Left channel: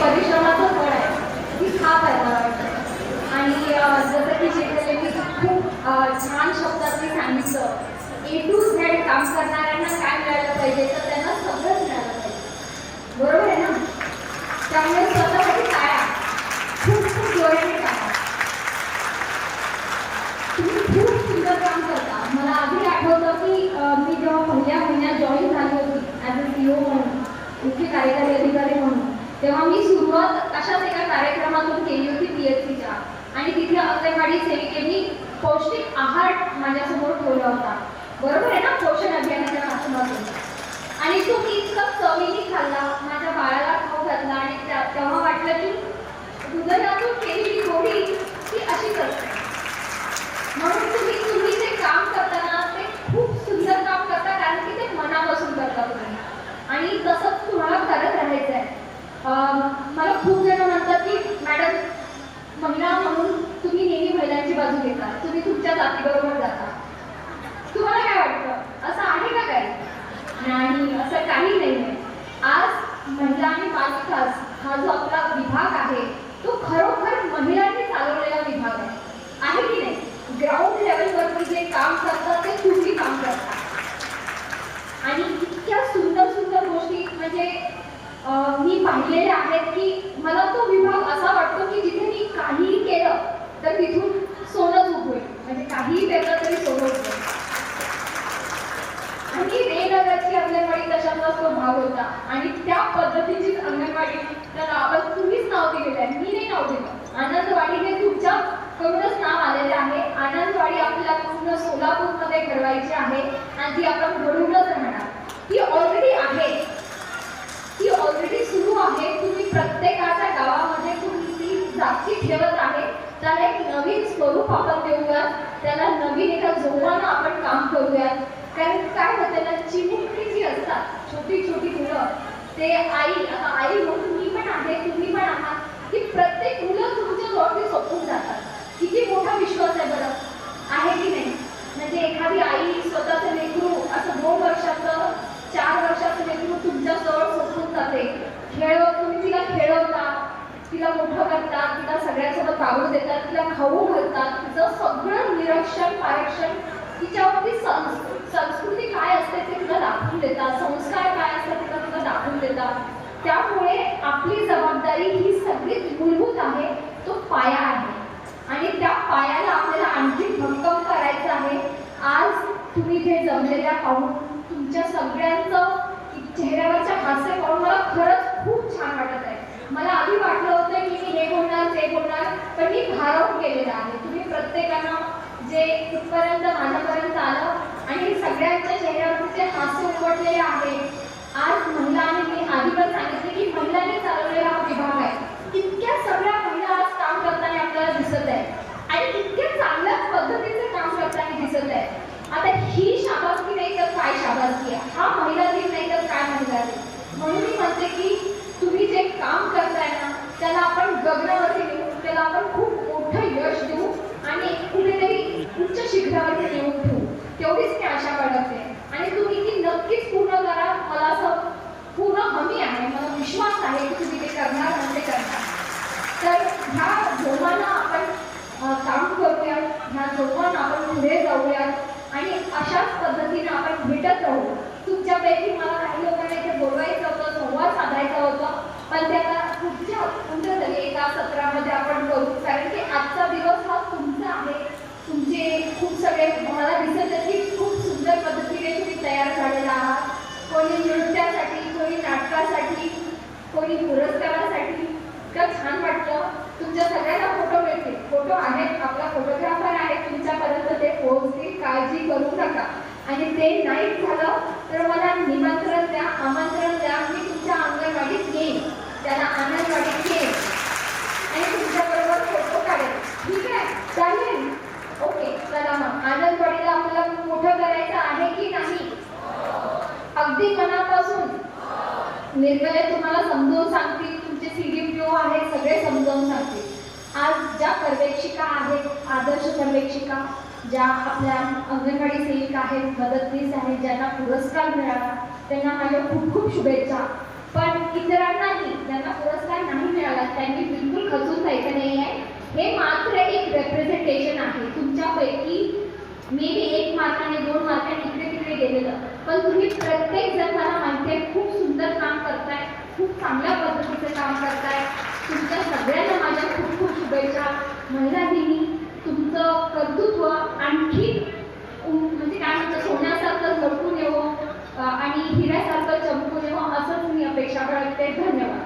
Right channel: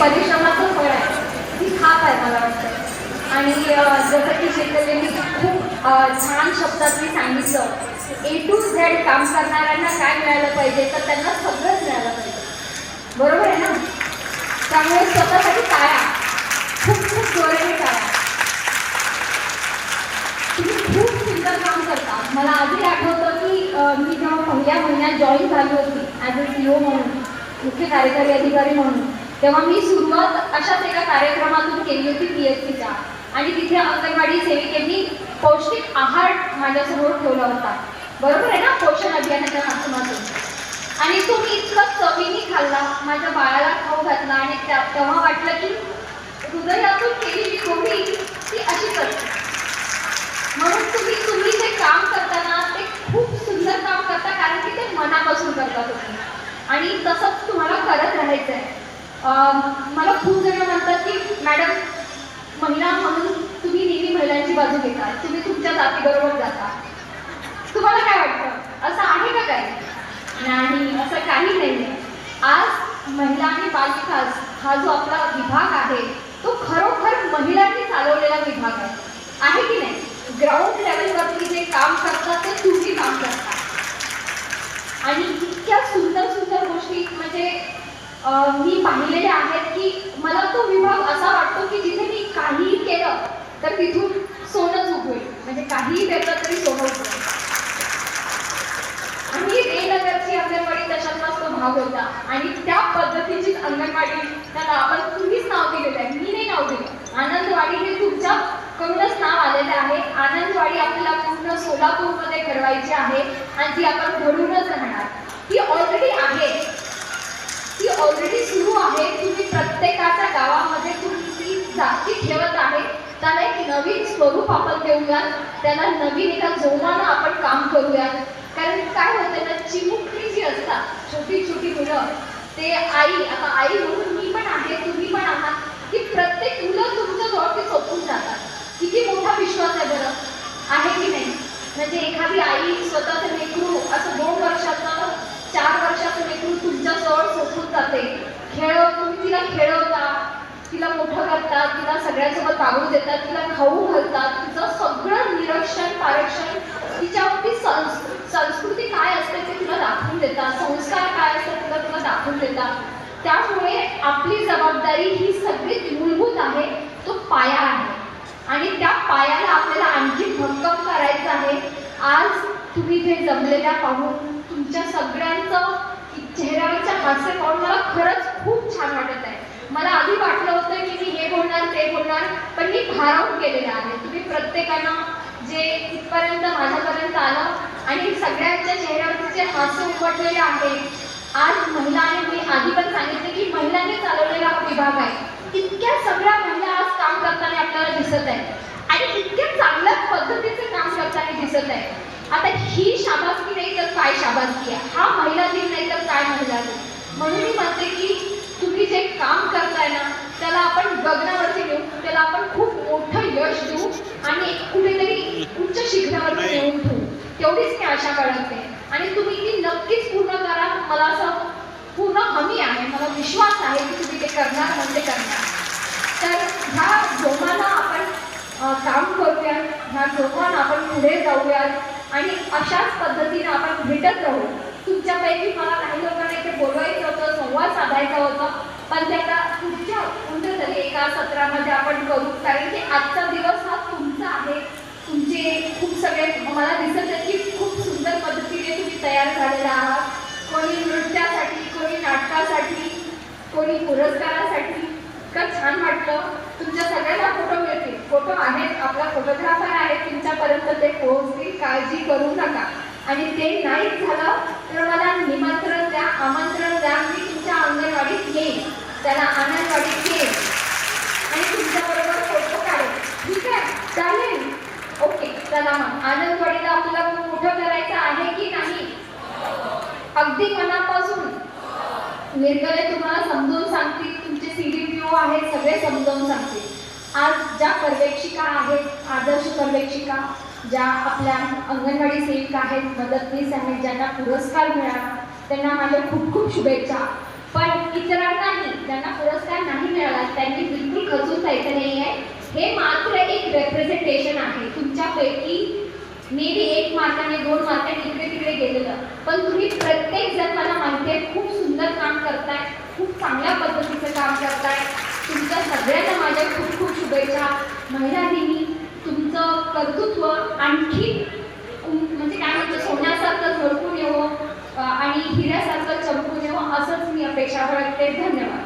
परिश्रमाचं फळ आहे. ती खात आहे मला वाटतं. आणि जसं की शेतकऱ्यांनी खूप छान शब्दात मी सांगितलं ए टू झेड काम करणाऱ्यांना काय मिळालं पाहिजे तर त्यांना सगळंच मिळालं पाहिजे. बरोबर आहे ना? त्यामुळे स्वतःसाठी टाळा. खूप खूप जोराने टाळा. तुम्ही खूप सुंदर काम करता. मला आधी आठवतं की मी जेव्हा पहिल्या महिन्यात जॉईन झाली होती ॲज अ सी ओ म्हणून मुख्य कार्यकारी अधिकारी म्हणून तेव्हा मी सुरुवात अशाच एका कार्यक्रमातून केली होती पी एच सीच्या आणि तिथे अंगणवाडी सेविकेनी पौष्टिक आहार माझ्यासमोर ठेवला होता. बरोबर आहे ना? पोषण अभियानाच्या माध्यमातून. आणि तो मी इतका चवीनी खाल्ला. माझ्या बाळाला खाऊ घातला आणि त्या- तेव्हा वाटलं की हृदयातून केलेली गोडी ती अशी करते. म्हणून तुम्ही तुम्ही जे काम करताना ते खूप सुंदर काम करता कारण की ते मनापासून करता तुम्ही. आणि तसंच तुम्हाला करत राहायचं आहे मला खूप जण म्हणतात की मॅडम महिला म्हणून तुम्ही नेहमी महिलांची बाजू घेता. तुम्ही तुमच्या जातीबरोबर जाता. तुम्हाला काय वाटतं? असं आहे का काय नाही असं काही नाही. आहे आज महिला आणि बालविकास हा जो आपला विभाग आहे तो खरोखर महिलांनी चालवलेला विभाग आहे. आहे की नाही? ग्राउंड लेवलवरती जे काम करतात ते तुम्ही काम करता आणि इतक्या सुंदर सुंदर गोष्टी म्हणजे मी पाहिलेले आहेत की मला तो विभाग असा वाटतो की जिथे मी काहीही केलं तर तिथून सोनंच उघडेल म्हणजे काहीही पेरलं तरी सोनं उघडेल आणि रेनगरची अंगणवाडी तशातलाच तो भाग होता. आणि त्या पद्धतीचीच अंगणवाडी त्याला आपण तुम्हीच नाव दिलेलं आहे. मी नाही नाव दिलं. आनंदवाडी हे तुमच्या कडूनच नाव आलेलं आहे. आनंदवाडी आपल्याला पूर्ण सोलापूरमध्ये घडवायची आहे. आणि ती आपण घडून स्वरूप आपण देऊयात. त्याला नवीन एका जोमानं आपण काम करूयात. कारण काय होतं ना चिमुकली जी असतात छोटी छोटी मुलं ते आई आता आई म्हणून मी पण आहे तुम्ही पण आहात की प्रत्येक मुलं तुमच्या जवळ सोपून जातात. किती मोठा विश्वास आहे बरं? आहे की नाही? म्हणजे एखादी आई स्वतःचं लेकरू असं दोन वर्षाचं चार वर्षाचं लेकरू तुमच्या जवळ सोपून जाते. खेळ तुम्ही तिला खेळवता तिला मोठं करतात तिला सगळ्यांसोबत वागू देतात तिला खाऊ घालतात तिचं सगळं निरीक्षण पारक्षण तिच्यावरती संस् संस्कृती काय असते ते तुला दाखवून देतात संस्कार काय असतात तुला तुला दाखवून देतात. त्यामुळे आपली जबाबदारी ही सगळीच मूलभूत आहे तो पाया आहे. आणि त्या पायाला आपल्याला आणखी भक्कम करायचं आहे. आज तुम्ही इथे जमलेल्या पाहून तुमच्या सगळ्यांचं चेहऱ्यावरच्या हास्य पाहून मला खरंच खूप छान वाटत आहे. मला आधी वाटलं होतं की मी बोलणार ते बोलणार पण मी भारावून गेलेला आहे. तुम्ही प्रत्येकानं जे इथपर्यंत माझ्यापर्यंत आलं आणि सगळ्यांच्या चेहऱ्यावरती जे हास्य उमटलेले आहे. आज महिला आणि मी आधी पण सांगितलं की महिलांनी चालवलेला हा विभाग आहे. इतक्या सगळ्या महिला आज काम करताना आपल्याला दिसत आहे आणि इतक्या चांगल्या पद्धतीचे काम करताना दिसत आहे आता ही शाबासकी नाही तर काय शाबासकी आहे? हा महिला दिन नाही तर काय महिला दिन? म्हणून मी म्हणते की तुम्ही जे काम करताय ना त्याला आपण गगनावरती नेऊ त्याला आपण खूप मोठं यश देऊ आणि एक कुठेतरी उच्च शिखरावरती नेऊन ठेवू तेवढीच मी आशा बाळगते. आणि तुम्ही ती नक्कीच पूर्ण करा. मला असं पूर्ण हमी आहे. मला विश्वास आहे की तुम्ही ते करणार म्हणजे करणार. तर ह्या जोमानं आपण काम करूया ह्या जोमानं आपण पुढे जाऊयात आणि अशाच पद्धतीने आपण भेटत राहू. तुमच्यापैकी मला काही लोकांना इथे बोलवायचं होतं संवाद साधायचा होता. पण ते आता पुढच्या उंदर झाली एका सत्रामध्ये आपण करू. कारण की आजचा दिवस हा तुमचा आहे. तुमचे खूप सगळे मला दिसत आहे की खूप सुंदर पद्धतीने तुम्ही तयार झालेला आहात. कोणी नृत्यासाठी कोणी नाटकासाठी कोणी पुरस्कारासाठी. इतकं छान वाटलं. तुमच्या सगळ्यांना फोटो मिळतील. फोटो आहेत. आपला फोटोग्राफर आहे. तुमच्यापर्यंत ते पोहोचतील. काळजी करू नका. आणि ते नाहीच झालं तर मला निमंत्रण द्या आमंत्रण द्या. मी तुमच्या अंगणवाडीत येईन त्याला अंगणवाडीत येईन आणि तुमच्याबरोबर फोटो काढेल ठीक आहे चालेल ओके चला मग आनंदवाडीला आपल्याला मोठं करायचं आहे की नाही अगदी मनापासून. निर्मले तुम्हाला समजून सांगतील तुमचे सी डी पी आहेत सगळे समजावून सांगतील. आज ज्या पर्यवेक्षिका आहेत आदर्श पर्यवेक्षिका ज्या आपल्या अंगणवाडी सेविका आहेत मदतनीस आहेत ज्यांना पुरस्कार मिळाला त्यांना माझ्या खूप खूप शुभेच्छा. पण इतरांनाही ज्यांना पुरस्कार नाही मिळाला त्यांनी बिलकुल खचून जायचं नाही आहे हे मात्र एक रेप्रेझेंटेशन आहे. तुमच्यापैकी मे बी एक मार्काने दोन मार्काने इकडे तिकडे गेलेलं पण तुम्ही प्रत्येक जण मला माहिती आहे खूप सुंदर काम करताय खूप चांगल्या पद्धतीचं काम करताय. तुमच्या सगळ्यांना माझ्या खूप खूप शुभेच्छा. महिला दिनी तुमचं कर्तृत्व आणखी म्हणजे काय म्हणतो सोन्यासारखं झळकून येवं आणि हिऱ्यासारखं चमकून येवं असंच मी अपेक्षा बाळगते धन्यवाद.